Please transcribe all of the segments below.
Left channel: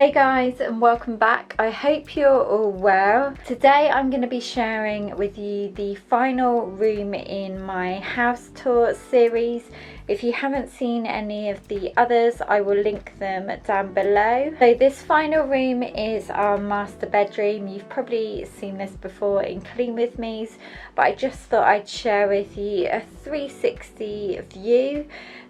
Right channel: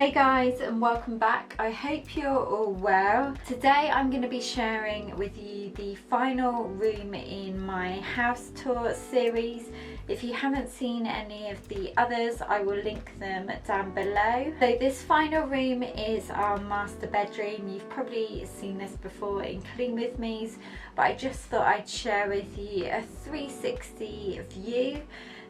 Hey guys, and welcome back. I hope you're all well. Today I'm going to be sharing with you the final room in my house tour series. If you haven't seen any of the others, I will link them down below. So this final room is our master bedroom. You've probably seen this before in Clean With Me's, but I just thought I'd share with you a 360 view.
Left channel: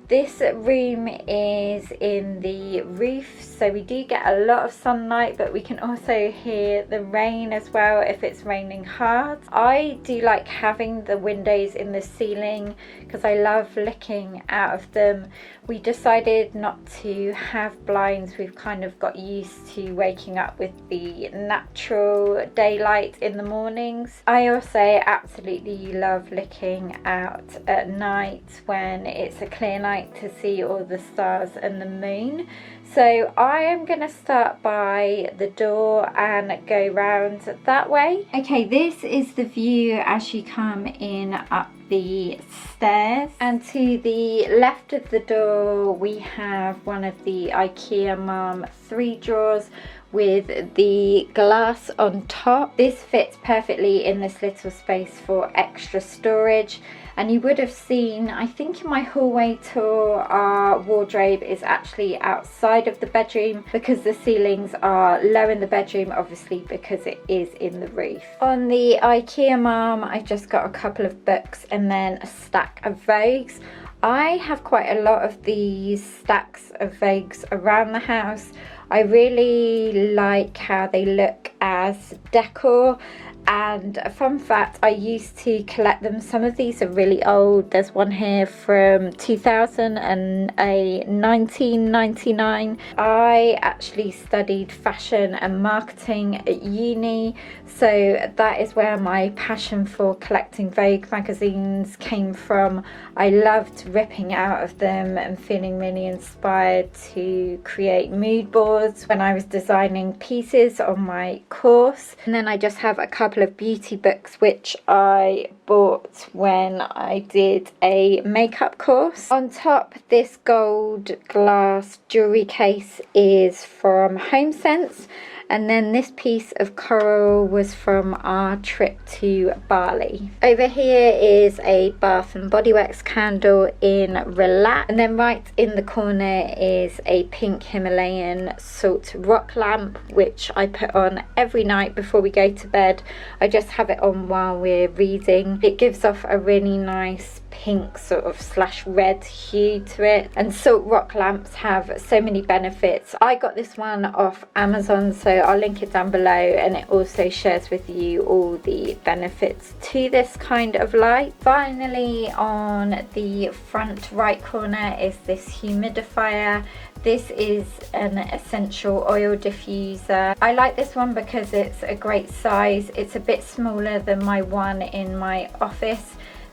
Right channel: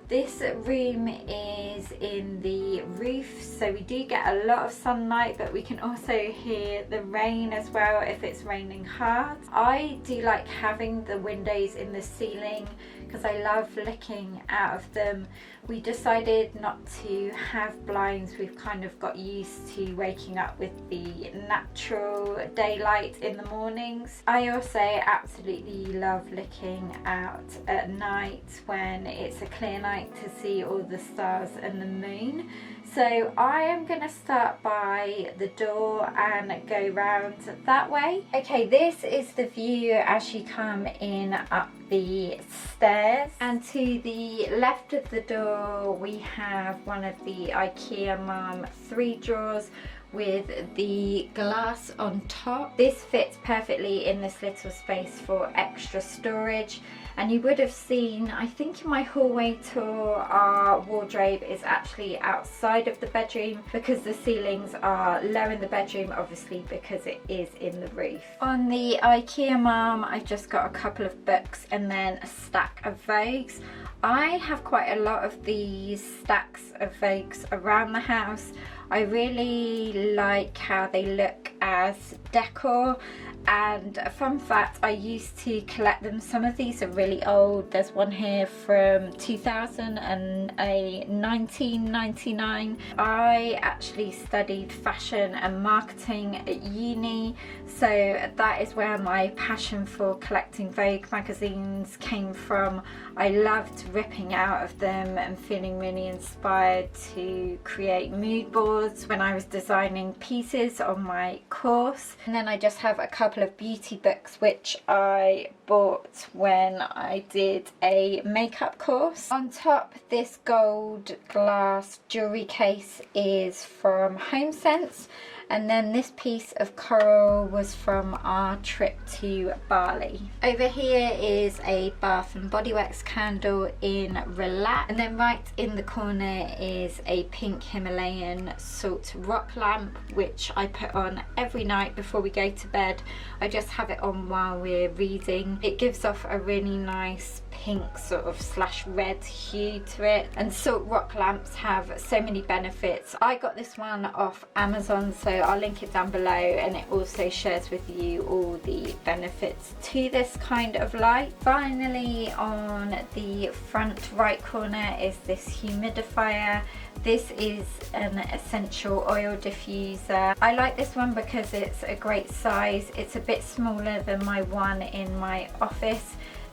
This room is in the roof, so we do get a lot of sunlight, but we can also hear the rain as well if it's raining hard. I do like having the windows in the ceiling because I love looking out of them. We decided not to have blinds. We've kind of got used to waking up with the natural daylight in the mornings. I also absolutely love looking out at night when it's a clear night to see all the stars and the moon. So I am going to start by the door and go round that way. Okay, this is the view as you come in up the stairs, and to the left of the door we have one of the Ikea Malm 3 drawers with the glass on top. This fits perfectly in this little space for extra storage. And you would have seen, I think in my hallway tour, our wardrobe is actually outside of the bedroom because the ceilings are low in the bedroom, obviously because it is in the roof. On the Ikea Malm, I just got a couple of books and then a stack of Vogues. I have quite a lot of these stacks of Vogues around the house. I really like how they look as decor. And a fun fact, I used to collect them. Some of these are really old. There's one here from 2000 and a 1999. I actually studied fashion and marketing at uni, so that is where my passion for collecting Vogue magazines came from. I loved ripping out of them and feeling really inspired to create mood boards when I was designing pieces on my course. And then I just have a couple of beauty books which I bought when I did a makeup course. On top, this gold glass jewelry case is from HomeSense. And then this piece of coral was from our trip to Bali. Over here is a Bath and Body Works candle in Relax. And then right in the corner is a pink Himalayan salt rock lamp, which I put on every night before we go to bed. I just have it on while we're reading. It gives off a really nice pink sort of slash red hue to it. And salt rock lamps have so many benefits. I got this one off Amazon, so I'll link it down below, and it also shares with you all the benefits to this kind of light. Finally, on the front right corner is this humidifier. This is an essential oil diffuser. I like this one because it's a great size. It's a bit smaller than my one in my office.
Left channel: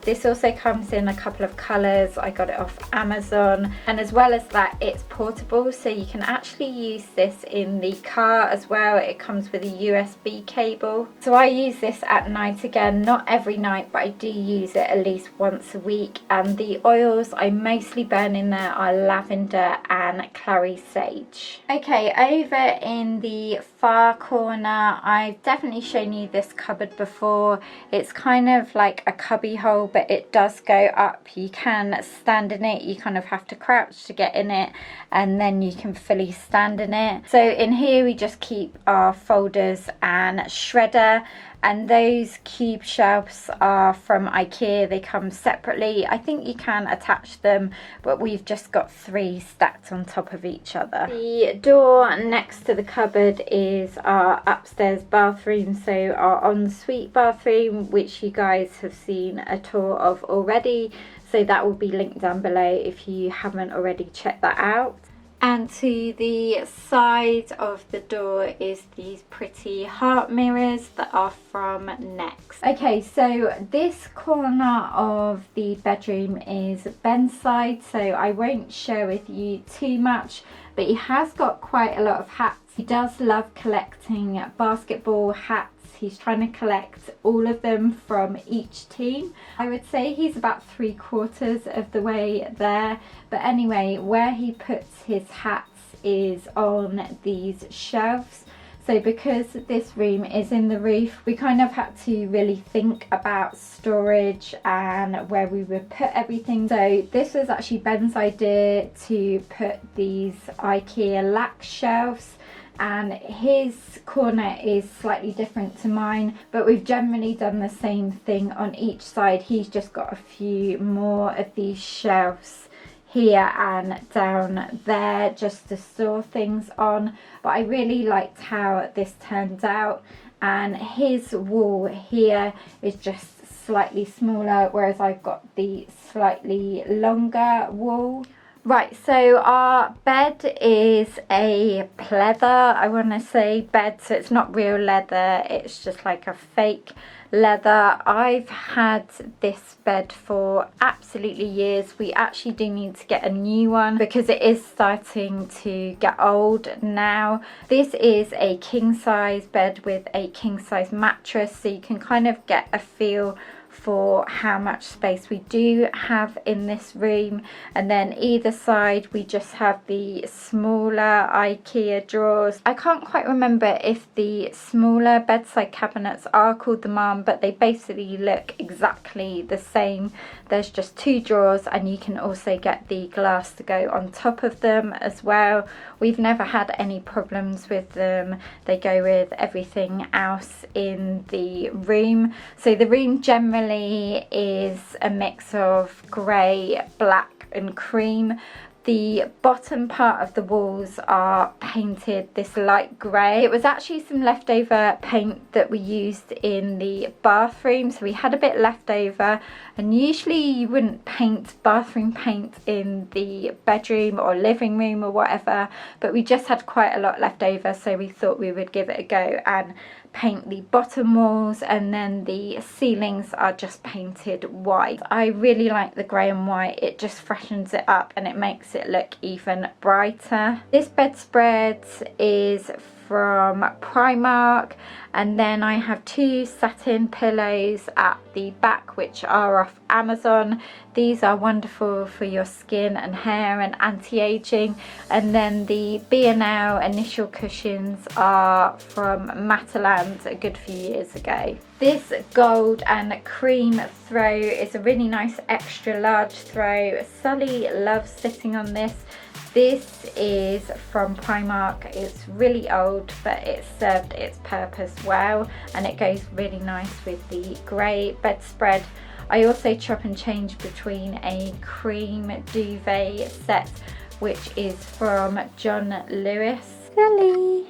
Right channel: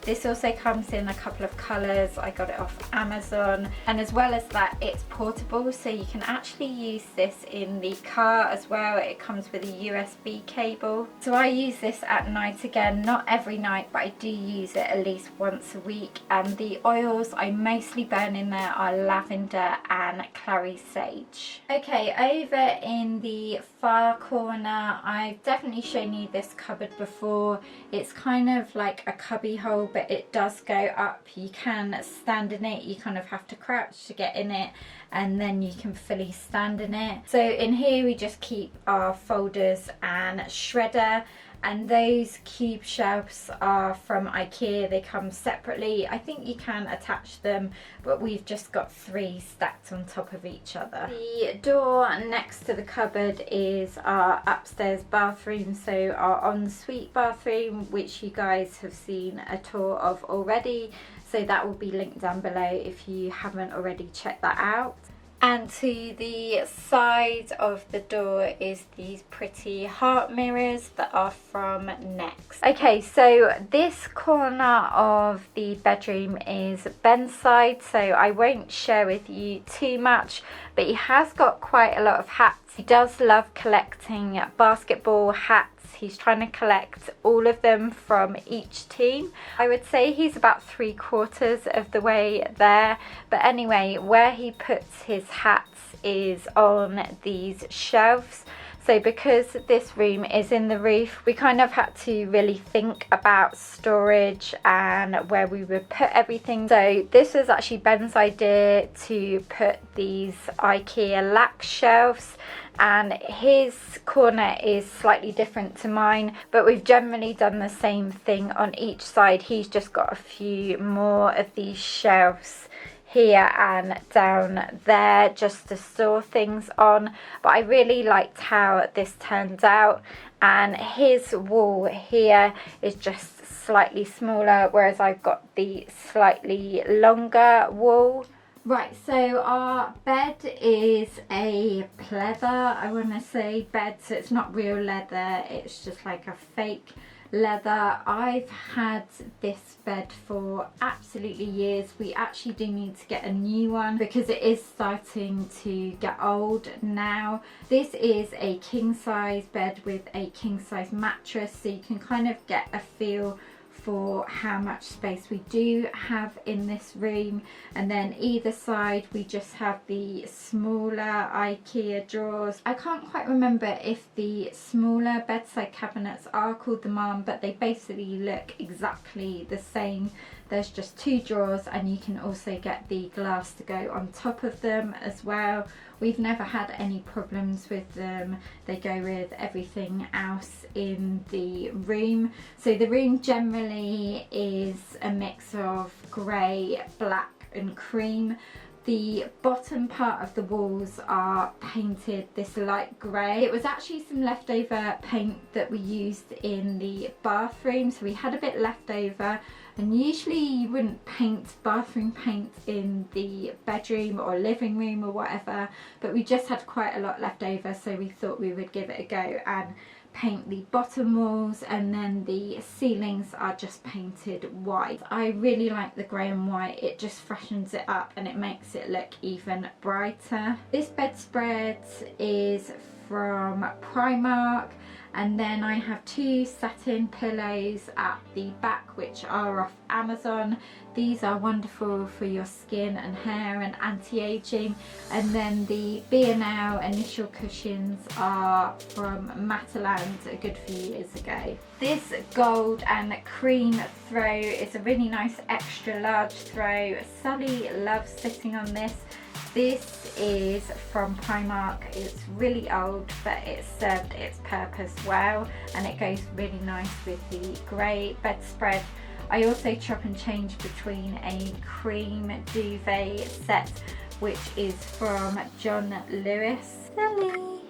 This also comes in a couple of colours. I got it off Amazon, and as well as that, it's portable, so you can actually use this in the car as well. It comes with a USB cable. So I use this at night, again, not every night, but I do use it at least once a week. And the oils I mostly burn in there are lavender and clary sage. Okay, over in the far corner, I've definitely shown you this cupboard before. It's kind of like a cubby hole, but it does go up. You can stand in it. You kind of have to crouch to get in it, and then you can fully stand in it. So in here we just keep our folders and shredder. And those cube shelves are from Ikea. They come separately. I think you can attach them, but we've just got 3 stacked on top of each other. The door next to the cupboard is our upstairs bathroom, so our ensuite bathroom, which you guys have seen a tour of already. So that will be linked down below if you haven't already checked that out. And to the side of the door is these pretty heart mirrors that are from Next. Okay, so this corner of the bedroom is bedside, so I won't share with you too much, but he has got quite a lot of hats. He does love collecting basketball hats. He's trying to collect all of them from each team. I would say he's about 3/4 of the way there. But anyway, where he puts his hats is on these shelves. So because this room is in the roof, we kind of had to really think about storage and where we would put everything. So this was actually Ben's idea to put these Ikea lap shelves, and his corner is slightly different to mine, but we've generally done the same thing on each side. He's just got a few more of these shelves here and down there just to store things on, but I really liked how this turned out. And his wall here is just slightly smaller, whereas I've got the slightly longer wall. Right, so our bed is a pleather, I want to say, bed, so it's not real leather, it's just like a fake leather. I've had this bed for absolutely years. We actually do need to get a new one because it is starting to get old now. This is a king size bed with a king size mattress, so you can kind of get a feel for how much space we do have in this room. And then either side we just have the smaller Ikea drawers. I can't quite remember if the smaller bedside cabinets are called the Malm, but they basically look exactly the same. There's just two drawers, and you can also get the glass to go on top of them as well. We've never had any problems with them. They go with everything else in the room. So the room generally is a mix of grey, black and cream. The bottom part of the walls are painted this light grey. It was actually some leftover paint that we used in the bathroom, so we had a bit left over, and usually you wouldn't paint bathroom paint in the bedroom or living room or whatever, but we just had quite a lot left over, so we thought we would give it a go and paint the bottom walls, and then the ceilings are just painted white. I really like the grey and white, it just freshens it up and it makes it look even brighter. This bedspread is from Primark, and then I have two satin pillows at the back which are off Amazon. These are wonderful for your skin and hair and anti-aging. And then the B&L initial cushions are from Mataland a good few years ago. This gold and cream throw is a really nice extra large throw. Sully loves sitting on this. This is from Primark. It's really old, but it served its purpose well, and it goes really nice with the grey bedspread. I also chop and change between a cream duvet set, which is from John Lewis. Sully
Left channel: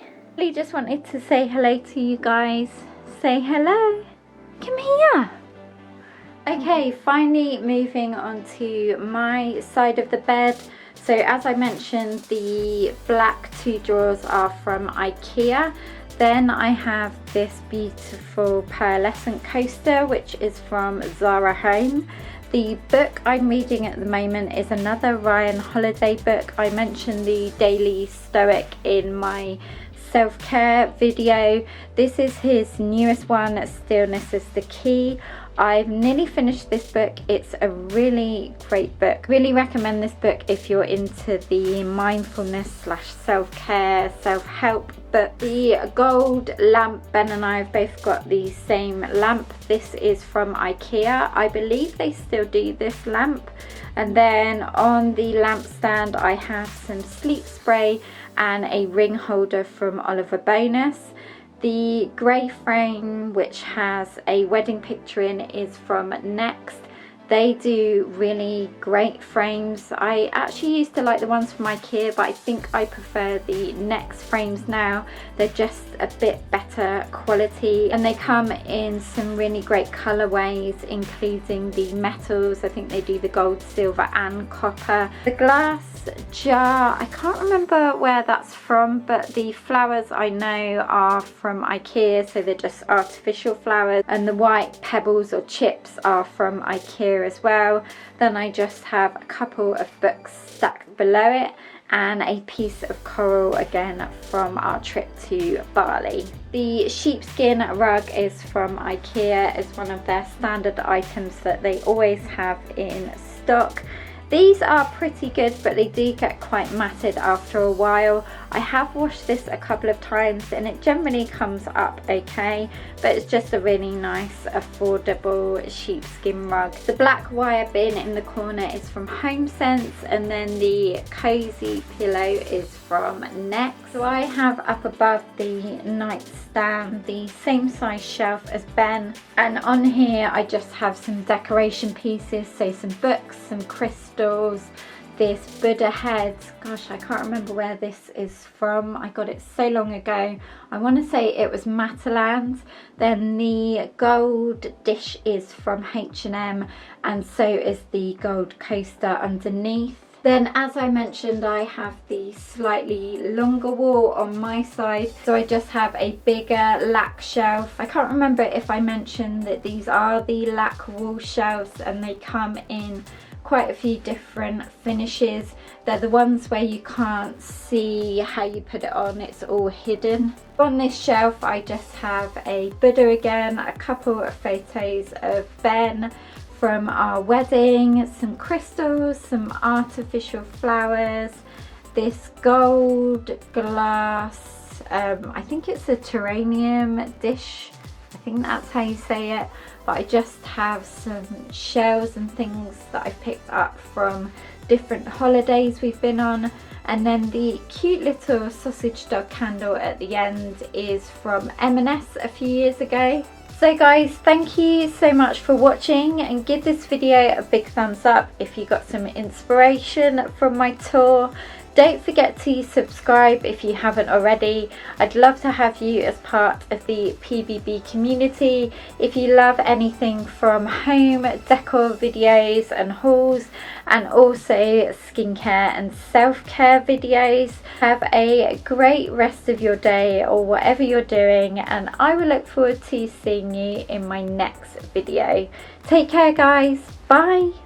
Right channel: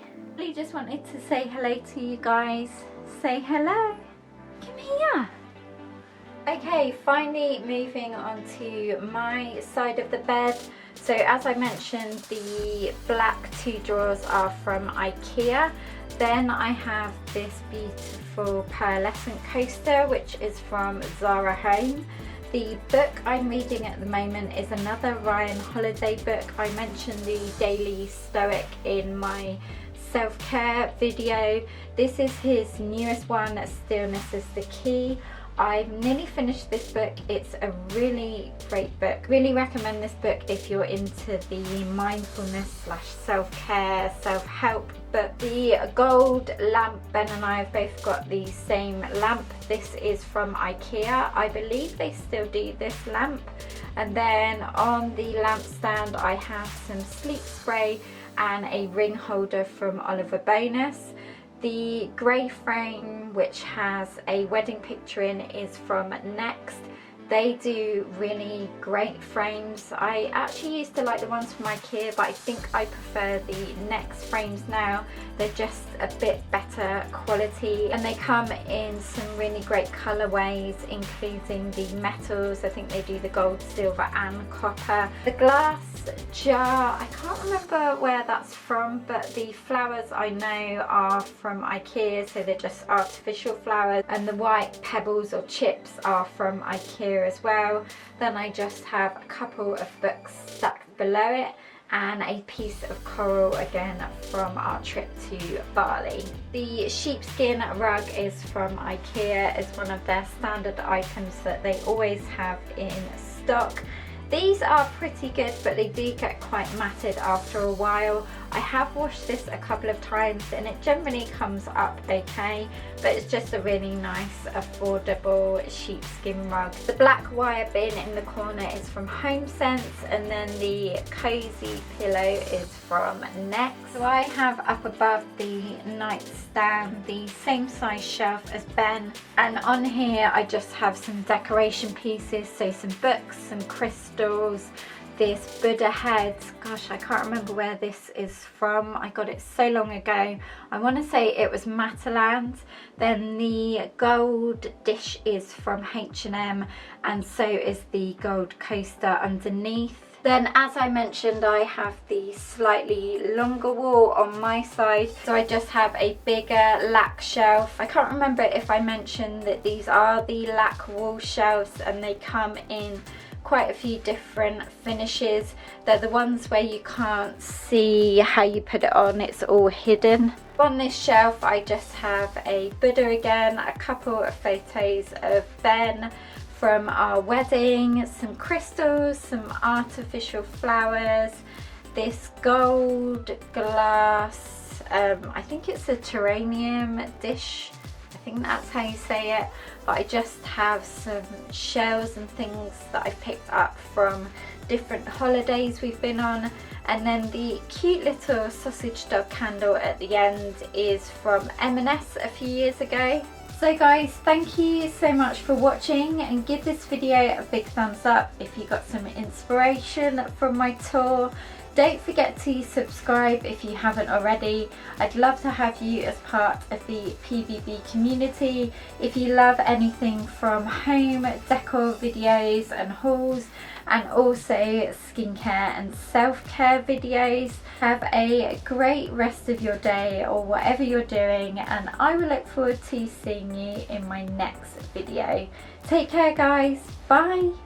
just wanted to say hello to you guys. Say hello. Come here. Okay, finally moving on to my side of the bed. So as I mentioned, the black two drawers are from Ikea. Then I have this beautiful pearlescent coaster, which is from Zara Home. The book I'm reading at the moment is another Ryan Holiday book. I mentioned the Daily Stoic in my self-care video. This is his newest one, Stillness is the Key. I've nearly finished this book. It's a really great book. Really recommend this book if you're into the mindfulness / self-care, self-help book. The gold lamp, Ben and I have both got the same lamp. This is from Ikea. I believe they still do this lamp. And then on the lamp stand I have some sleep spray and a ring holder from Oliver Bonus. The grey frame, which has a wedding picture in, is from Next. They do really great frames. I actually used to like the ones from Ikea, but I think I prefer the Next frames now. They're just a bit better quality, and they come in some really great colourways, including the metals. I think they do the gold, silver and copper. The glass jar, I can't remember where that's from, but the flowers I know are from Ikea, so they're just artificial flowers, and the white pebbles or chips are from Ikea as well. Then I just have a couple of books stacked below it, and a piece of coral again from our trip to Bali. The sheepskin rug is from Ikea. It's one of their standard items that they always have in stock. These are pretty good, but they do get quite matted after a while. I have washed this a couple of times and it generally comes up okay, but it's just a really nice affordable sheepskin rug. The black wire bin in the corner is from HomeSense, and then the cozy pillow is from Next. So I have up above the nightstand the same size shelf as Ben, and on here I just have some decoration pieces, so some books, some crystals, this Buddha head. Gosh, I can't remember where this is from. I got it so long ago. I want to say it was Mataland. Then the gold dish is from H&M, and so is the gold coaster underneath. Then, as I mentioned, I have the slightly longer wall on my side, so I just have a bigger lac shelf. I can't remember if I mentioned that these are the lac wall shelves, and they come in quite a few different finishes. They're the ones where you can't see how you put it on, it's all hidden. On this shelf I just have a Buddha again, a couple of photos of Ben from our wedding, some crystals, some artificial flowers, this gold glass, I think it's a terrarium dish, I think that's how you say it, but I just have some shells and things that I picked up from different holidays we've been on, and then the cute little sausage dog candle at the end is from M&S a few years ago. So guys, thank you so much for watching, and give this video a big thumbs up if you got some inspiration from my tour. Don't forget to subscribe if you haven't already. I'd love to have you as part of the PBB community. If you love anything from home decor videos and hauls, and also skincare and self-care videos. Have a great rest of your day or whatever you're doing, and I will look forward to seeing you in my next video. Take care guys, bye!